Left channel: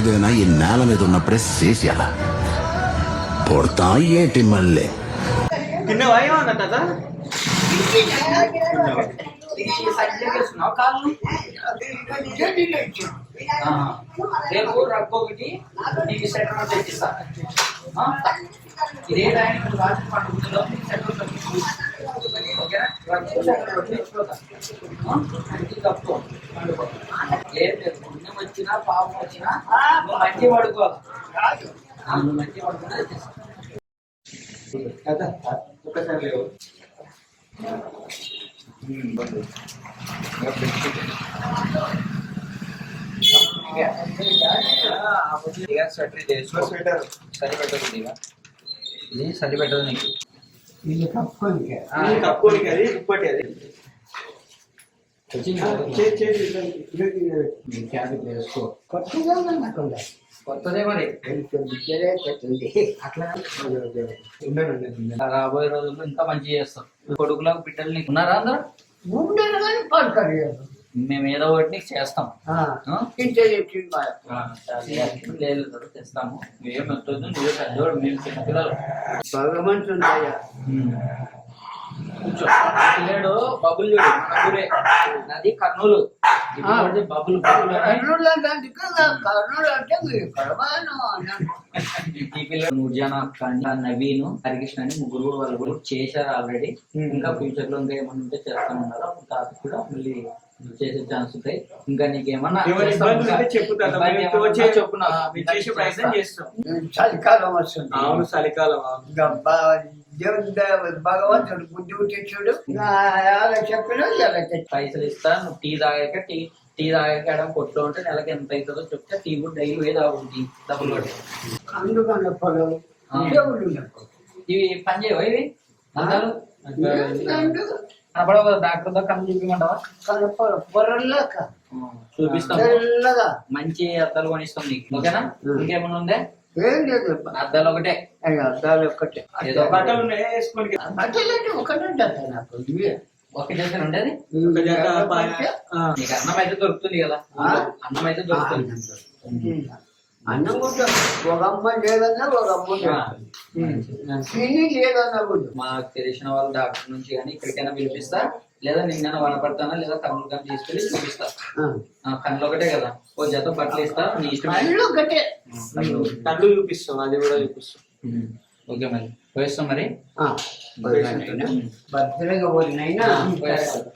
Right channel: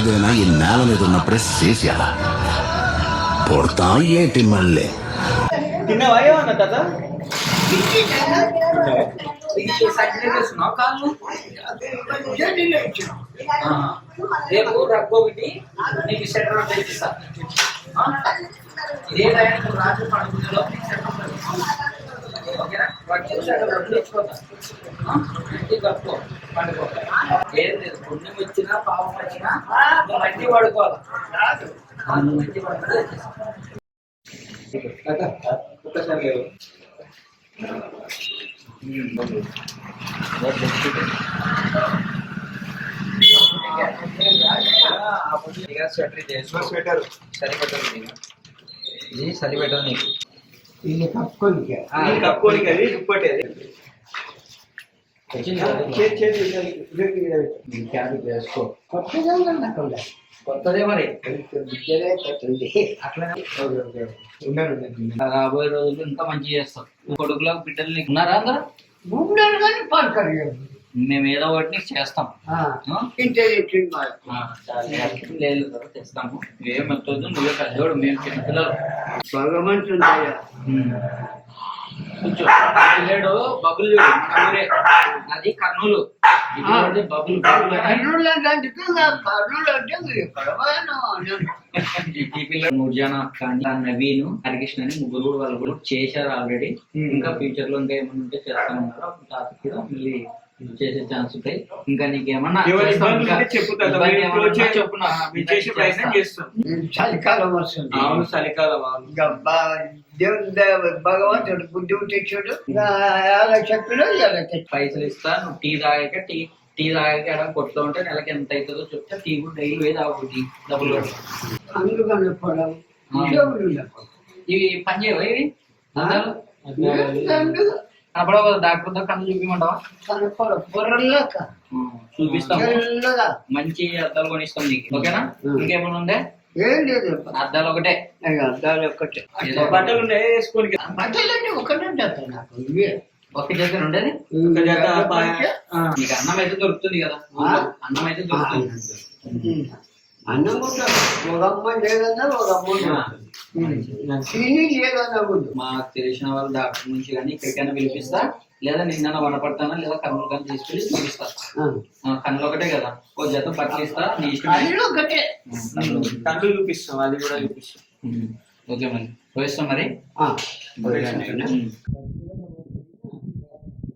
ఏదైనా ఈ నేల మీద ఉన్నప్పుడే చేసేయాల పొడతా ఏంటి మళ్ళీ తిన్నవా ఏమన్నా తాత? రేపు రగ్గు ఒకటి నీకు సెటర్ తెచ్చిస్తా. ఇదే టైంకి రాత్రి పండుగలో సెటర్ ఓకేనా? రగ్గు సెటర్ తెచ్చుకోతా కప్పుకో పండుకో. లేదు లేదు, పుణ్యం వచ్చినా పాపం వచ్చినా నువ్వు మంచి పడుకోవాలి. నువ్వు మంచి పడుకుంటే ఒక్కసారి లేవు. స్వెటర్ ఇది చలి పెట్టదు నీకు. ఇది కప్పుకోనికి అది దుప్పటి అది వేసుకో. కొత్తదే మరి అట్లా రాబోయే రోజుల్లో ఇంకా మంచి చేస్తాం. కొడుకులకు బిడ్డలు నీకు ఉన్నారా అందరూ? మేము ఏదో ఒకటి నీకు చేస్తాం. లేదు చేస్తాము. ఏం వస్తుంది, నువ్వే పెద్దోడు, మేము చిన్నపిల్లలు. కూర్చో. పిల్లడు బబుల్ చూడు, మన ఊరే. నాది కర్నూలు. బబుల్ ఈ పిల్లడు నూర్జానా కానీ నవీన్ హరికృష్ణ అని ముగ్గురు కూడా వాళ్ళు కూడా చేశారు ఆల్రెడీ. ఇంకా ఫ్యూచర్ లో ఇంకా ఏమన్నా ఉంటే చేస్తామన్నారు. తాత కూడా మళ్ళీ చేసే ఛాన్స్ ఉంటాయి. ఇంకా నీకేమన్నా చెప్పు చలికాలం వస్తుంది. అవును, చలికాలం. దేవుడు భగవంతుడు బుద్ధి తెచ్చాడు. చెప్పులు పైసలు ఇస్తా, నువ్వు టీ తాగాక టీ తాగాక అక్కడ కొడుతూ ఉంటే నెలకి ఎంత అవుతుందో చెప్తే టీ కూడా డైలీ పోయి తాగుతుంది డబ్బులు పడి. అందుకన్నప్పుడు ఇవి పని చేయవా? ఇవి అందాలు కనపడవు కదా, డాక్టర్ కన్ను చూపిమంటావా? బొర్రల్లాక చూపిస్తాం. మంచి అద్దాలు కొనిస్తాం నీకు, ఓకేనా? ఇంకేమన్నా ఉందే? ఏం లేదు, అద్దాలు ఒకటే. అద్దాలు ఒక్కటే. బట్టలు ఉన్నాయి వేసుకోనికి. బట్టలు అంటే ఒకటే నాకు ఇవే ఒక జత ఉండేది. నీకు అన్నం అయితే దొరుకుతుంది కదా, అన్నం అయితే దొరుకుతుంది. అన్నం కూడా ఒక అమ్మాయి లేదన్నా ఒక అమ్మాయి తిని లేదన్నా కూడా. మాకు తెలిసిన వాళ్ళు డాక్టర్ నుంచి కానీ ఇక్కడికైనా పిలిపిస్తా, లేదా నిన్న వనపడతానా, లేదా కన్నులు కానీ తీసుకెళ్ళి చూపిస్తా. కన్నులు ఒకటే కదా, ఓ జత బట్టలు ఇస్తా, నీ ఇష్టం. ఒకటే కళ్ళు చూపిస్తాం, అది కూడా చూపిస్తాం. ఓకే మరి పోయిస్తాం. మరి భద్రంగా పోయినైనా పోయేస్తాం.